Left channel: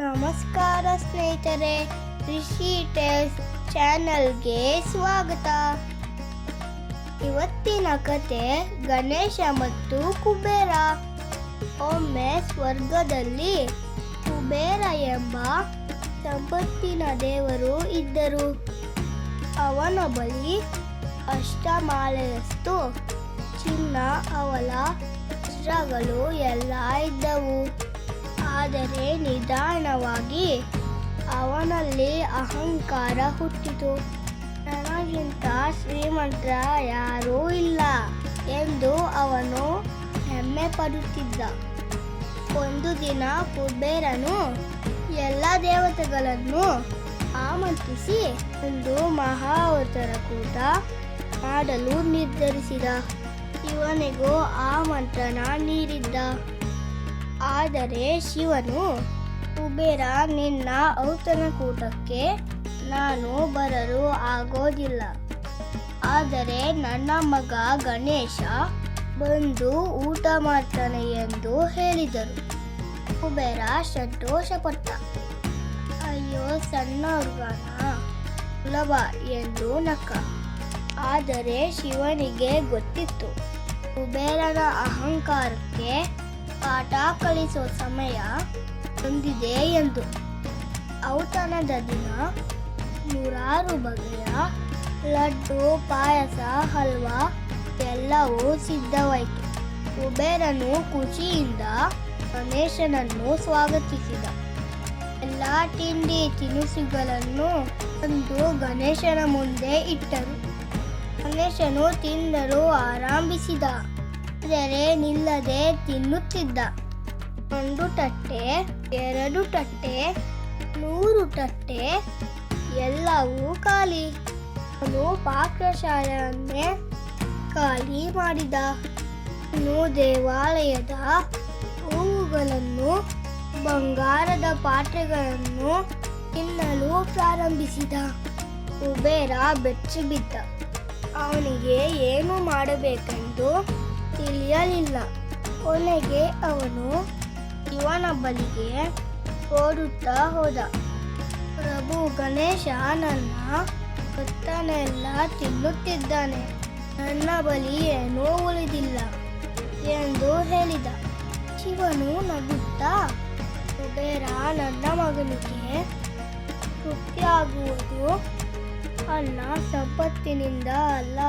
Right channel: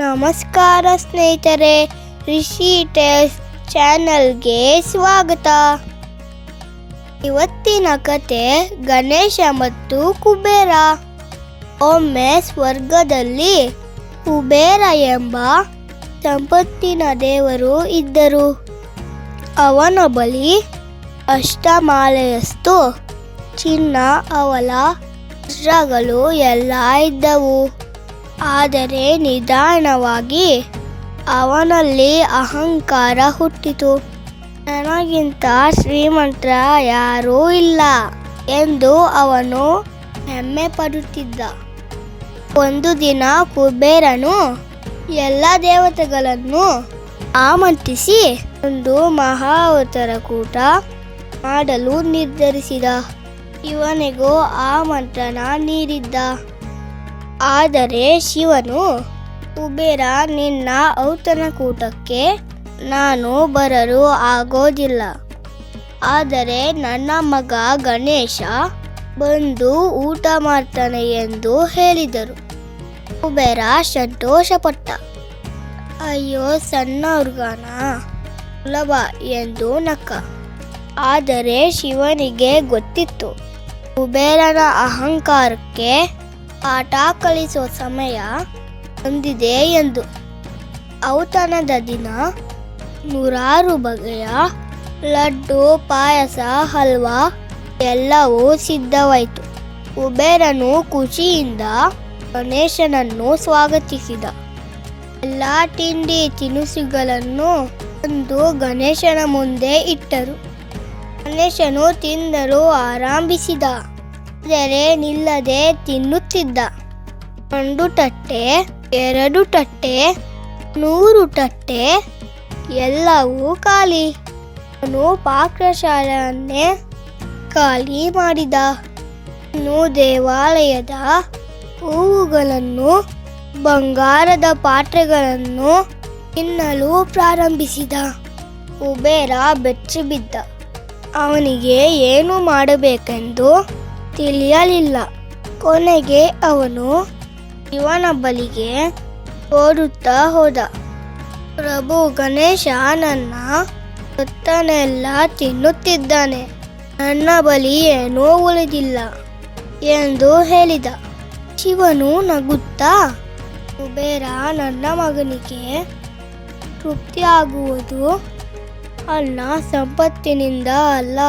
ನಮಸ್ಕಾರ ಸ್ನೇಹಿತರೆ, ರಿಷಿ ಟೇಲ್ಸ್ ಚಾನಲ್ಗೆ ಸ್ವಾಗತ. ಇವತ್ತಿನ ಕತೆ ಗಣೇಶ ಮತ್ತು ಕುಬೇರ. ಒಮ್ಮೆ ಸ್ವರ್ಗದಲ್ಲಿ ಕುಬೇರ ಎಂಬ ಸಂಪತ್ತಿನ ದೇವರು ಇದ್ದರು. ಅವನ ಬಳಿ ಅಷ್ಟಮಾಲೆಯಷ್ಟು ಚಿನ್ನ, ಅವಲ, ವಜ್ರಗಳು ಎಲ್ಲ ಇದ್ದವು. ಆದರೆ ನಿಧಾನವಾಗಿ ಅವನಲ್ಲಿ ಅಹಂಕಾರ ಹುಟ್ಟಿತು. ನನಗಿಂತ ಶ್ರೀಮಂತ ಯಾರೂ ಇಲ್ಲ ಎಂದು ಅವನು ಹೆಮ್ಮೆ ಪಡುತ್ತಿದ್ದ. ಒಂದು ದಿನ ಕುಬೇರನು ಎಲ್ಲ ದೇವತೆಗಳನ್ನು ಆಮಂತ್ರಿಸಿ ಒಂದು ಮಹಾವತಾರ ಕೂಟ ಮಾಡಲು ನಿರ್ಧರಿಸಿದ. ಇವನಿಗೂ ಆಮಂತ್ರಣ ನೀಡಿದ್ದ. ಆದರೆ ಶಿವನು, ಕುಬೇರ, ನಿನ್ನ ಔತಣಕೂಟಕ್ಕೆ ನಾನು ಬರಲು ಆಗೋದಿಲ್ಲ. ಆದರೆ ನನ್ನ ಮಗ ಗಣೇಶ ಬಂದು ಊಟ ಮಾಡ್ತಾನೆ ಎಂದು ಹೇಳಿದರು. ಕುಬೇರ ಸಂತೋಷಪಟ್ಟ. ಅಯ್ಯೋ, ಸಣ್ಣ ಹುಡುಗನ ಸುಲಭ ಎಂದು ನಕ್ಕ. ಆದರೆ ಶಿವನಿಗೆ ಗೊತ್ತಿತ್ತು, ಕುಬೇರನ ಅಹಂಕಾರಕ್ಕೆ ಪಾಠ ಕಲಿಸುವ ಸಮಯ ಬಂದಿದೆ ಎಂದು. ಔತಣದ ದಿನ ನೂರಾರು ಬಗೆಯ ಲಡ್ಡು, ಪಾಯಸ, ಹಲ್ವಾ ಎಲ್ಲವೂ ಸಿದ್ಧವಾಯಿತು. ಕುಬೇರನು ಖುಷಿಯಿಂದ ಗಣೇಶನನ್ನು ಸ್ವಾಗತಿಸಿದ. ಎಲ್ಲ ತಿಂಡಿ ತಿನಿಸುಗಳನ್ನು ತಂದು ಗಣೇಶನ ಮುಂದೆ ಇಟ್ಟರು. ಗಣೇಶನು ತಿನ್ನಲು ಆರಂಭಿಸಿದ. ಆದರೆ ನಿಲ್ಲದೆ ತಿನ್ನುತ್ತಿದ್ದ. 1 ತಟ್ಟೆ, 2 ತಟ್ಟೆ, 100 ತಟ್ಟೆ ಎಲ್ಲವೂ ಖಾಲಿ. ಅವನು ಪಾಕಶಾಲೆಯನ್ನೇ ಖಾಲಿ ಮಾಡಿದ. ಅವನು ದೇವಾಲಯದ ಹೂವುಗಳನ್ನು, ಬಂಗಾರದ ಪಾತ್ರೆಗಳನ್ನು ತಿನ್ನಲು ಪ್ರಾರಂಭಿಸಿದ. ಕುಬೇರ ಬೆಚ್ಚಿಬಿದ್ದ. ಅವನಿಗೆ ಏನು ಮಾಡಬೇಕೆಂದು ತಿಳಿಯಲಿಲ್ಲ. ಕೊನೆಗೆ ಅವನು ಶಿವನ ಬಳಿಗೆ ಓಡುತ್ತಾ ಹೋದ. ಪ್ರಭು, ಗಣೇಶ ನನ್ನ ಹೊತ್ತನೆಲ್ಲ ತಿನ್ನುತ್ತಿದ್ದಾನೆ. ನನ್ನ ಬಳಿ ಏನೂ ಉಳಿದಿಲ್ಲ ಎಂದು ಹೇಳಿದ. ಶಿವನು ನಗುತ್ತಾ, ಕುಬೇರ, ನನ್ನ ಮಗನಿಗೆ ತೃಪ್ತಿಯಾಗುವುದು ಅನ್ನ ಸಂಪತ್ತಿನಿಂದ ಅಲ್ಲ,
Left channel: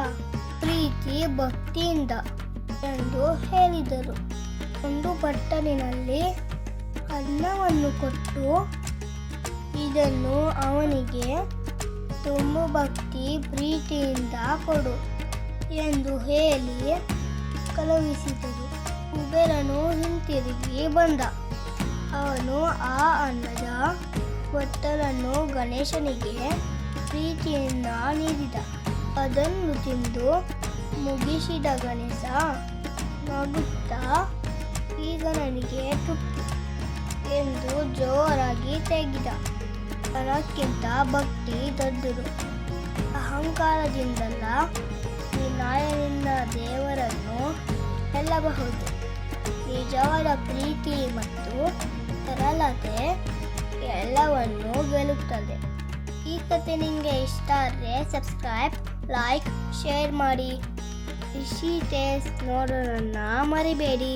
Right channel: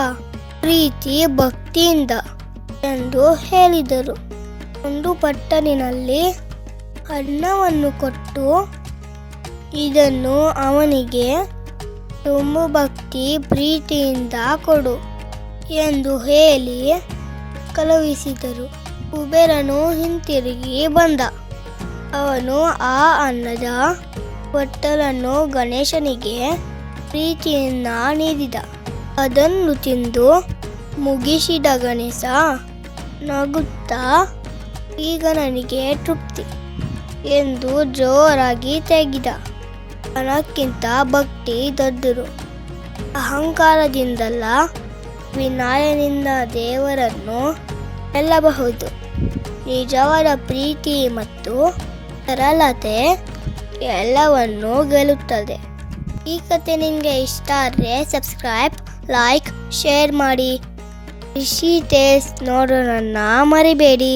ಪ್ರೀತಿ ಭಕ್ತಿಯಿಂದ ಎಂದು ಹೇಳಿದರು. ಒಂದು ಪಟ್ಟಣಿನಲ್ಲಿ ಅನ್ನವನ್ನು ಕೊಟ್ಟು, ಇದನ್ನು ಅವನಿಗೆ ತುಂಬ ಭಕ್ತಿ ಪ್ರೀತಿಯಿಂದ ಕೊಡು ಎಂದು ಹೇಳಿ ಕಳುಹಿಸಿದರು. ಕುಬೇರನು ಹಿಂತಿರುಗಿ ಬಂದ. ಅವನು ಆ ಅನ್ನದ ಬಟ್ಟಲನ್ನು ಗಣೇಶನಿಗೆ ಪ್ರೀತಿಯಿಂದ ನೀಡಿದ. ಅದನ್ನು ತಿಂದು ಮುಗಿಸಿದ ಗಣೇಶ ನಗುತ್ತಾ, ಈಗ ನನಗೆ ತೃಪ್ತಿ ಎಂದು ಜೋರಾಗಿ ತೆಗೆದ. ಹಣಕ್ಕಿಂತ ಭಕ್ತಿ ದೊಡ್ಡದು. ಅಹಂಕಾರದಿಂದಲ್ಲ, ವಿನಯದಿಂದ ದೇವರನ್ನು ಗೆಲ್ಲಬಹುದು. ನಿಜವಾದ ಪ್ರೀತಿ ಮತ್ತು ಸರಳತೆ ಎಲ್ಲವನ್ನು ಗೆಲ್ಲುತ್ತದೆ. ಈ ಕತೆ ನಿಮಗೆ ಇಷ್ಟ ಆದರೆ ಸಬ್ಸ್ಕ್ರೈಬ್, ಲೈಕ್, ಶೇರ್ ಮಾಡಿ. ರಿಷಿ ಟೇಲ್ಸ್ ನೋಡೋಣ ಮರಿಬೇಡಿ.